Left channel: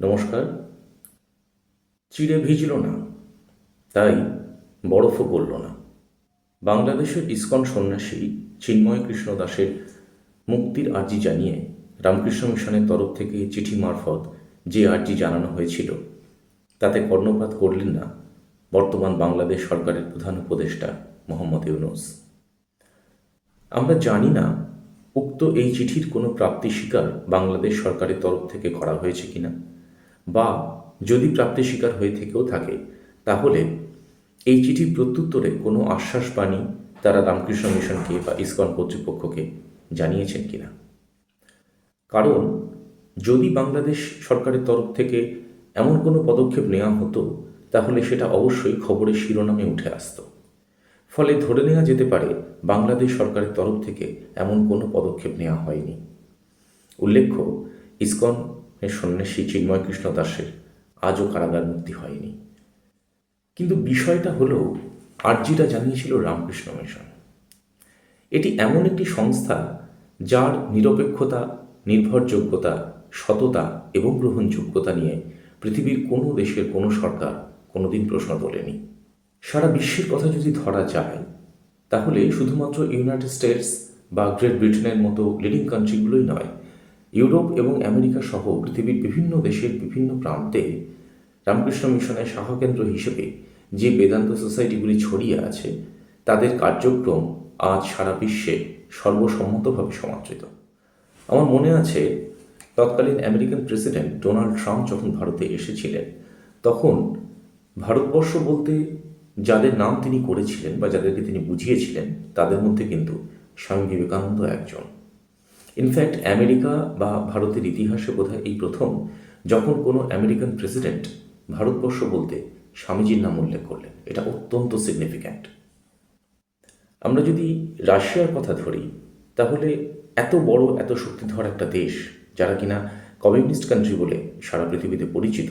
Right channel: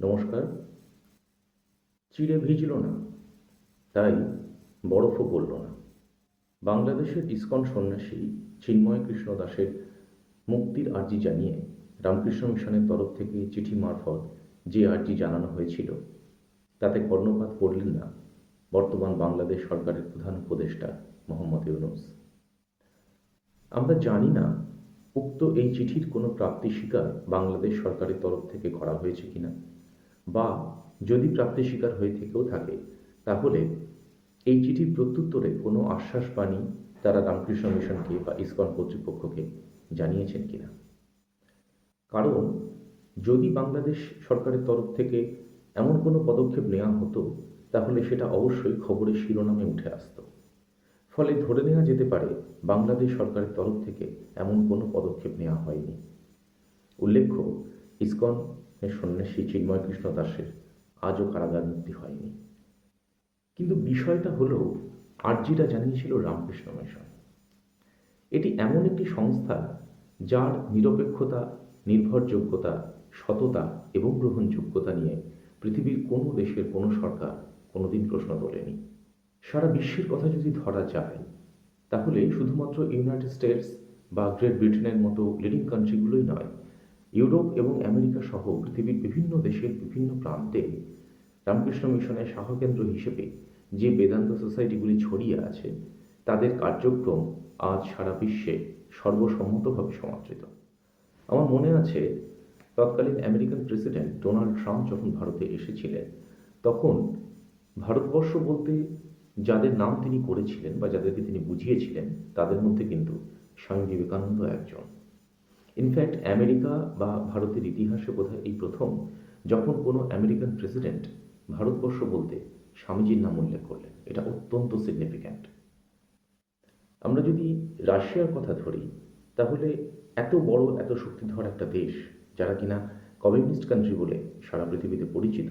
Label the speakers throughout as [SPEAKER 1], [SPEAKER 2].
[SPEAKER 1] নমস্কার। চিড়ে ভিজল না, তাই বরফও গলল না। বাংলাদেশের ইস্কন সন্ন্যাসী চিন্ময় কৃষ্ণ দাসের মুক্তির আর্জি জানিয়ে রামকৃষ্ণ মিশনের তরফ থেকে চিঠি মারফত যে আর্জি জানানো হয়েছিল, তাতে কর্ণপাত করলেন না বর্তমান বাংলাদেশ সরকারের প্রধান উপদেষ্টা মোহাম্মদ ইউনুস। আমরা জানি না উক্ত এই চিঠির কোনো প্রাপ্তি স্বীকার বাংলাদেশ সরকারের তরফ থেকে করা হয়েছে কিনা। বা যদি প্রাপ্তি স্বীকার হয়ে থেকেও থাকে, তাহলে এই চিঠির প্রত্যুত্তরে কোনো আশ্বাস বাণী তারা রামকৃষ্ণ মিশনকে বা ইসকন কর্তৃপক্ষকে জানিয়েছেন কিনা। কারণ যদি বাংলাদেশ সরকারের তরফ থেকে এমন কোনো পদক্ষেপ নেওয়া হতো, তাহলে সেটা অবশ্যই খবরের শিরোনামে উঠে আসতো। ফলে ধরে নেওয়া যেতে পারে, বাংলাদেশ সরকারের তরফ থেকে এমন কোনো পদক্ষেপ নেওয়া হয়নি। উল্লেখ্য ইসকনের সন্ন্যাসী চিন্ময় কৃষ্ণ দাসের আজও কারাগার মুক্তি হয়নি। কিন্তু বিষয়টা হলো, আর্জিটা জানিয়েছিল রামকৃষ্ণ মিশন। এটি এমন একটি সংস্থা যার নিরপেক্ষতা, নির্ভরযোগ্যতা, সততা এবং গ্রহণযোগ্যতা নিয়ে পৃথিবীর কোনো দেশের কোনো সরকার কোনোদিন প্রশ্ন তোলেনি। সারা বিশ্বের কথা যদি ধরা যায়, তাহলে শুধুমাত্র ইউনাইটেড স্টেটস বা গ্রেট ব্রিটেনের মতো লিডিং কান্ট্রিগুলোই নয় ইউরোপ এবং আমেরিকা সহ পৃথিবীর বিভিন্ন দেশের বিভিন্ন প্রান্তে রামকৃষ্ণ মিশনের শাখাকেন্দ্র হিসেবে যে বেদান্ত সোসাইটিগুলি ছড়িয়ে আছে, তাদের কার্যক্রম আজ সারা বিশ্বে সর্বসম্মতভাবে সমাদৃত। আমার মনে আছে, তৎকালীন আমেরিকান প্রেসিডেন্ট ডোনাল্ড ট্রাম্প যখন ভারতে এসেছিলেন, তখন ভারতবর্ষ বলতে যাদের নাম তিনি করেছিলেন বা যাদেরকে তিনি বুঝিয়েছিলেন, তাদের মধ্যে কিন্তু স্বামী বিবেকানন্দ একজন। ইনফ্যাক্ট আমেরিকা বা ভারতের ইতিহাসে বোধহয় এই প্রথম, যখন কোনো আমেরিকান প্রেসিডেন্ট ভারতবর্ষ বলতে স্বামীজির নাম উল্লেখ করলেন। এটা অত্যন্ত সিগনিফিক্যান্ট আমরা যদি রাশিয়ার কথা ধরি, তাহলে এত বড়, এত শক্তিধর একটা দেশ, যারা কিনা কমিউনিস্ট কান্ট্রি বলে সারা পৃথিবীতে পরিচিত,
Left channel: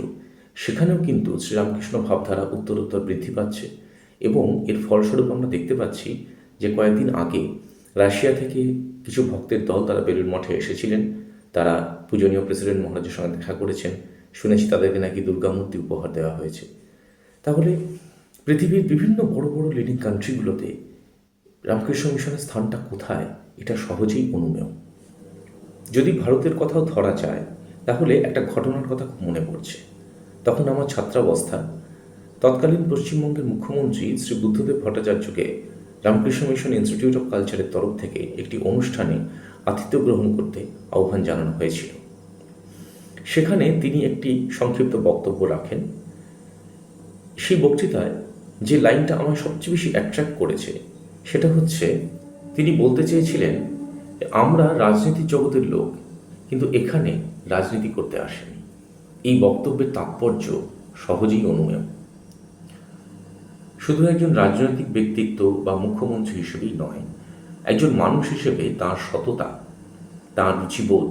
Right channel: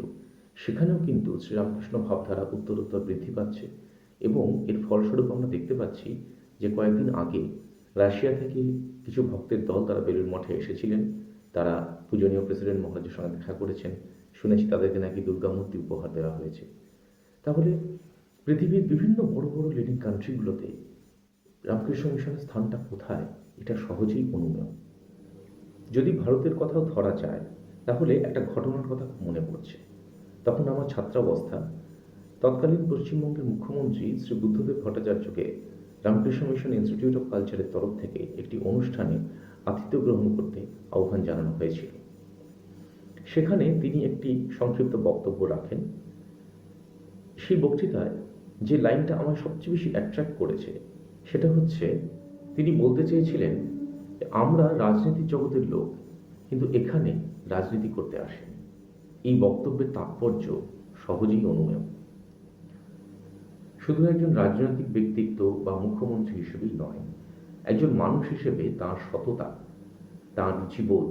[SPEAKER 1] সেখানেও কিন্তু শ্রীরামকৃষ্ণ ভাবধারা উত্তরোত্তর বৃদ্ধি পাচ্ছে এবং এর ফলস্বরূপ আমরা দেখতে পাচ্ছি যে কয়েকদিন আগে রাশিয়া থেকে কিছু ভক্তের দল তারা বেলুর মঠে এসেছিলেন। তারা পূজনীয় প্রেসিডেন্ট মহারাজের সঙ্গে দেখা করেছেন। শুনেছি তাদেরকে নাকি দুর্গামূর্তি উপহার দেওয়া হয়েছে। তাহলে পৃথিবীর বিভিন্ন বড় বড় লিডিং কান্ট্রিগুলোতে রামকৃষ্ণ মিশনের স্থানটা কোথায়? এটা সহজেই অনুমেয়। যদি ভারতের কথাও ধরা যায়, তাহলে একটা ঘটনার কথা মনে পড়ছে। তখন আমার ছাত্রাবস্থা। তৎকালীন পশ্চিমবঙ্গের মুখ্যমন্ত্রী শ্রী বুদ্ধদেব ভট্টাচার্যকে রামকৃষ্ণ মিশন ইনস্টিটিউট অফ কালচারের তরফ থেকে একটি অনুষ্ঠানে আতিথ্য গ্রহণ করতে আহ্বান জানানো হয়েছিল। সেখানে তিনি একটি সংক্ষিপ্ত বক্তব্য রাখেন। সেই বক্তৃতায় যে লাইনটা আমার সবচেয়ে বেশি অ্যাট্রাক্ট করেছে, সেটা হচ্ছে তিনি বলতে চেয়েছিলেন আমরা রাজনীতির জগতের লোক, কিন্তু এখানে রাজনীতি করতে আসেনি। এই বক্তব্যের তাৎপর্য সহজেই অনুমেয়। শুধু একজন রাজনৈতিক ব্যক্তিত্ব বা মুখ্যমন্ত্রী হিসেবেই নয়, একজন মানুষ হিসেবে তার সততা, তার রুচিবোধ,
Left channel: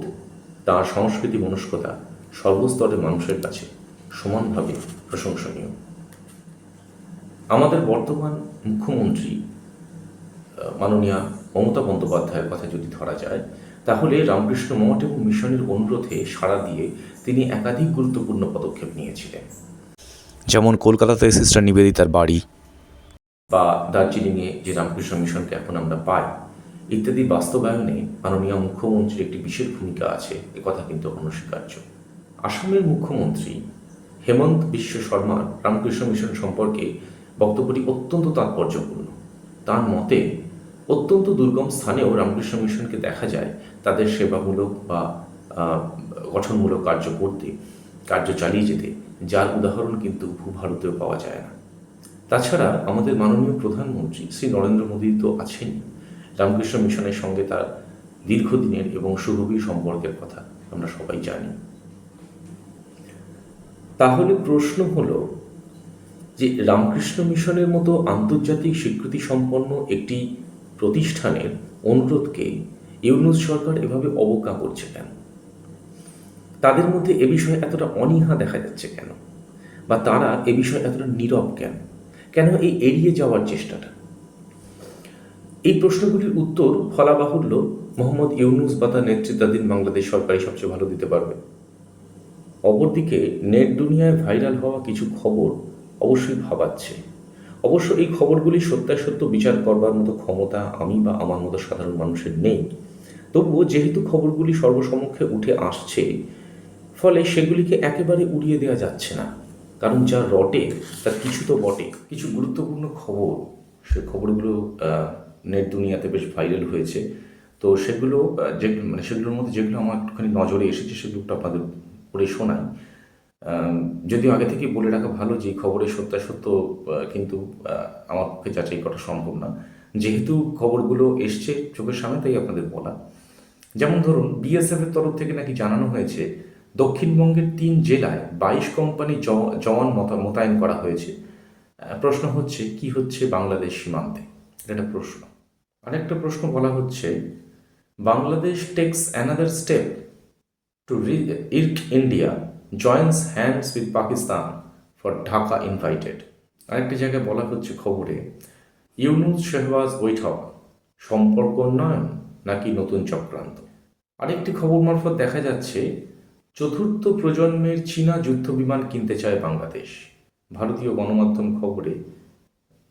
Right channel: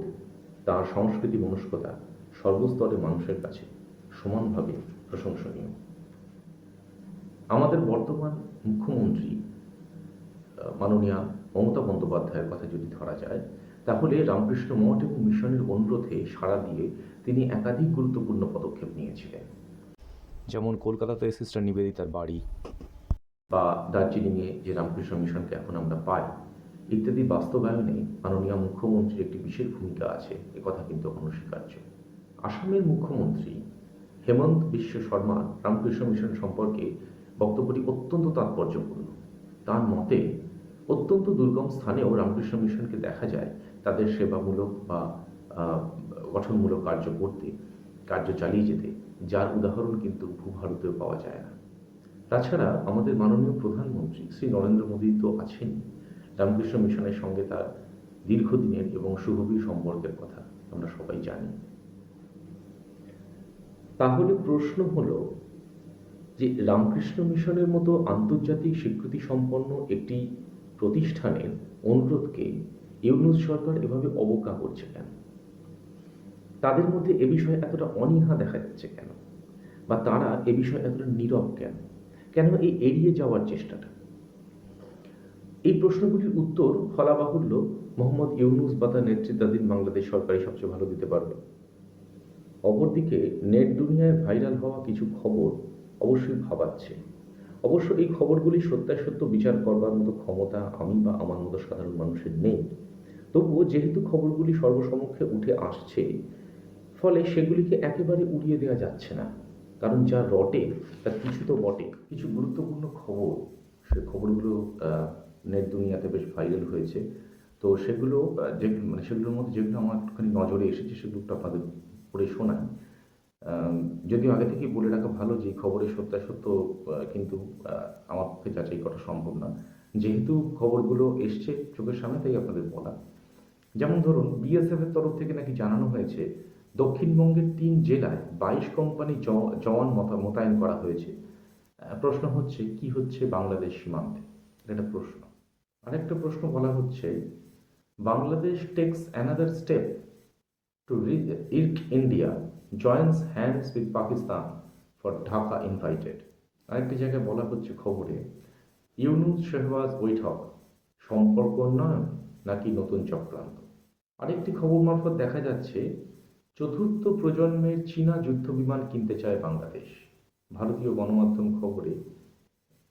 [SPEAKER 1] তার সংস্কৃতি মনস্কতা সর্বস্তরের মানুষের কাছে সমানভাবে প্রশংসনীয়। আমাদের বর্তমান মুখ্যমন্ত্রী মাননীয়া মমতা বন্দ্যোপাধ্যায়ের কথা যদি ধরা যায়, তাহলে রামকৃষ্ণ মঠ এবং মিশনের অনুরোধে সাড়া দিয়ে তিনি একাধিক গুরুত্বপূর্ণ পদক্ষেপ নিয়েছিলেন।
[SPEAKER 2] যেমন কলকাতাতে সিস্টার নিবেদিতার বাড়ি
[SPEAKER 1] বা দার্জিলিংয়ে যে রামকৃষ্ণ মিশনকে এখন আমরা পাই, ইত্যাদি বাস্তবায়নে মাননীয় মুখ্যমন্ত্রীর একটি বিশেষ ভূমিকা আছে কথা কিন্তু অনস্বীকার্য। আসামের মুখ্যমন্ত্রী হেমন্ত বিশ্ব শর্মার রামকৃষ্ণ মিশন সম্পর্কে বক্তব্যটি অত্যন্ত তাৎপর্যপূর্ণ। তার মতে, অত্যন্ত দুর্গম স্থানেও রামকৃষ্ণ মিশনকে দেখা যায় তাদের সেবামূলক বা গঠনমূলক কার্য করতে, কার্য চালিয়ে যেতে, যার উদাহরণ কিন্তু ভূভারতেও পাওয়া যায় না। তাছাড়া আমাদের মাননীয় প্রধানমন্ত্রী শ্রী নরেন্দ্র মোদী তো আছেনই রামকৃষ্ণ মিশনের সঙ্গে তার দীর্ঘদিনের এবং সুগভীর সম্পর্কের কথা আমরা সবাই জানি। তাহলে প্রশ্ন হলো যে রামকৃষ্ণ মিশনের মতো আন্তর্জাতিক স্বীকৃতি সম্পন্ন একটি প্রতিষ্ঠানের অনুরোধকে ইউনুস সরকার এভাবে অবজ্ঞা করছে কেন? তাদের মধ্যে এ বিষয়ে এতটা অনীহা দেখা যাচ্ছে কেন? বা তারা এ বিষয়ে এতটা নীরব কেন? কেন এই এড়িয়ে যাওয়ার চেষ্টাটা? এই প্রশ্নগুলির উত্তর ফলাবাহুল্য মোহাম্মদ ইউনুস বা তার নেতৃত্বাধীন বাংলাদেশ সরকারই সবচেয়ে ভালো দিতে পারবে। অপরদিকে নেট দুনিয়ায় ভাইরাল হওয়া কিছু খবর অবশ্যই ভাবাচ্ছে। অবশ্য এই খবরগুলি সত্যাসত্য বিচার করবার মতো ক্ষমতা আমি বা আমার মতো সাধারণ মানুষের নেই। তবুও যেহেতু খবরগুলি সর্বসমক্ষে উঠে আসছে, ফলে সেগুলিকে একেবারে উড়িয়ে দেওয়া যাচ্ছে না। কারণ যা রটে, তার কিছু তো বটে। কিছু গুরুত্বপূর্ণ খবর, সে খবরগুলো নেট দুনিয়াতে বেশ ভাইরাল হয়েছে। তো সেগুলো যে মানে সেগুলোর মধ্যে যেগুলো আমার একটুখানি নজরে এসেছে সেগুলো আপনাদের পড়ে শোনাই। যদিও আগে থেকেই বলে রাখা ভালো যে খবরের সত্যাসত্য কিন্তু আমার পক্ষে যাচাই করা সম্ভব না। যেহেতু খবরগুলো এসছে চোখের সামনে, তাই আপনাদের বলা। যেমন ধরুন বিএসএফ এর তরফ থেকে নাকি জানানো হয়েছে দক্ষিণবঙ্গের তিন জেলায় বাইশ কোম্পানি জওয়ান মতা- মোতায়েন করা হয়েছে। প্রশ্ন হচ্ছে, কি হচ্ছে বাংলাদেশ সীমান্তে? এটা একটা প্রশ্ন। আরেকটা প্রশ্ন বলা হচ্ছে, Bangladesh takes another step to irk India joins hands with Pakistan for Dhaka invited আরেকটি জায়গায় বলা হচ্ছে খবরে, ইউনুস শেহবাজ বৈঠক, সম্পর্ক উন্নয়ন নাকি নতুন চক্রান্ত? আরেকটি খবর মারফত দেখা যাচ্ছে চতুর্থ প্রজন্মের চীনা যুদ্ধ বিমান কিনতে চায় বাংলাদেশ। ভারতীয় গণমাধ্যম খবরে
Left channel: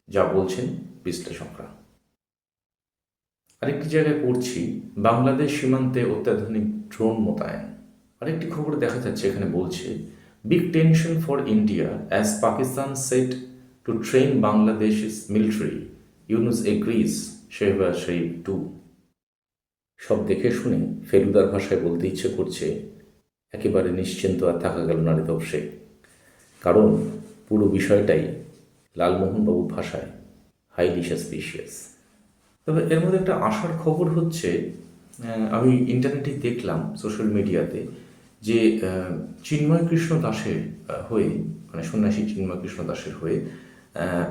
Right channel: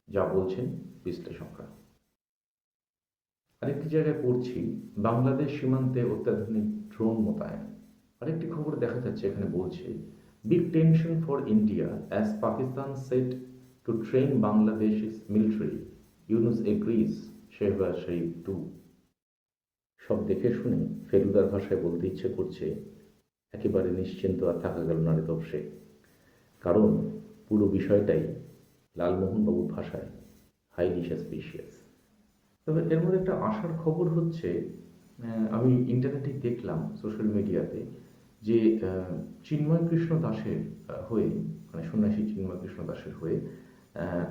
[SPEAKER 1] যা বলছেন বিশ্লেষকরা। আরেকটি জায়গায় পড়ছি, বাংলাদেশ সীমান্তে অত্যাধুনিক ড্রোন মোতায়েন। আরেকটি খবর দেখা যাচ্ছে, এখানে বলছে big tension for India as Pakistan set to train Bangladesh military Yunus agrees Shehbaz Sharif to সব দেখে শুনে ফেলুদার ভাষায় বলতে ইচ্ছে করছে একেবারে নিশ্চিন্ত আর থাকা গেল না রেতপসে কারণ পুরো বিষয়টাই লালমোহনবাবুর ভাষায় হাইলি সাসপিশিয়াস তবে এর মধ্যে একটা আশার খবর হচ্ছে আমি ইন্টারনেটে দেখলাম সোশ্যাল মিডিয়াতে যে চিন্ময় কৃষ্ণ দাসের হয়ে মানে সন্ন্যাসী চিন্ময় কৃষ্ণ দাসের হয়ে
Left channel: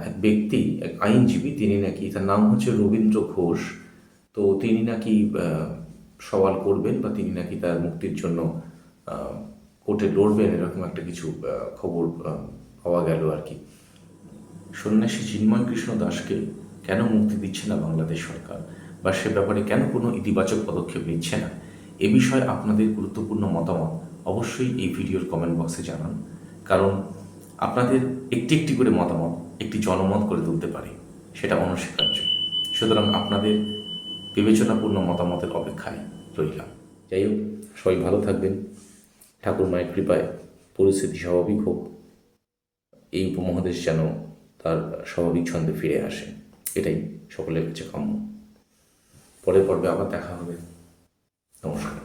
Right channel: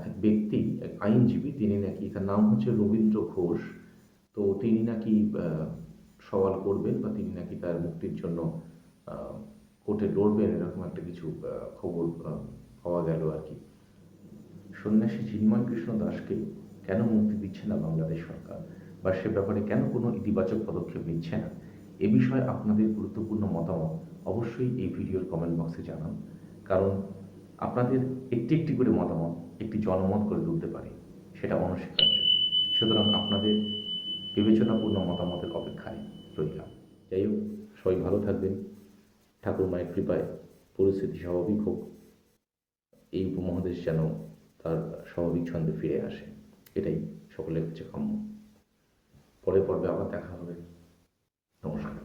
[SPEAKER 1] এক ব্যক্তি, এক আইনজীবী, তিনি নাকি, তার নাম হচ্ছে রবীন্দ্র ঘোষ। তো তিনি নাকি সওয়াল করবেন বা তিনি নাকি তার মুক্তির জন্য কোর্টে লড়বেন এরকম একটা কিছু খবর পাওয়া গেল আর কি। সন্ন্যাসী চিন্ময় কৃষ্ণ দাসকে কেন মুক্তি দিচ্ছে না বাংলাদেশ সরকার? বা সে ব্যাপারে কেন কোনো ইতিবাচক পদক্ষেপ নিচ্ছে না? এ বিষয়ে আপনাদের গুরুত্বপূর্ণ মতামত অবশ্যই এই ভিডিওর কমেন্ট বক্সে জানান। কারণ আপনাদের একটি একটি করে মতামত একটি জনমত করে তুলতে পারে, সেটা অনস্বীকার্য। সুতরাং আপনাদের বিবেচনাপূর্ণ মতামতের অপেক্ষায় রইলাম। যাই হোক, সবাই ভালো থাকবেন। ঠাকুর মায়ের কৃপায় পরিস্থিতি স্বাভাবিক হোক, এই উপমহাদেশ যেন তার স্বাভাবিক ছন্দে ফিরে আসে। এটাই সকলের কাছে কাম্য। পরের পর্বে আবার দেখা হবে। নমস্কার।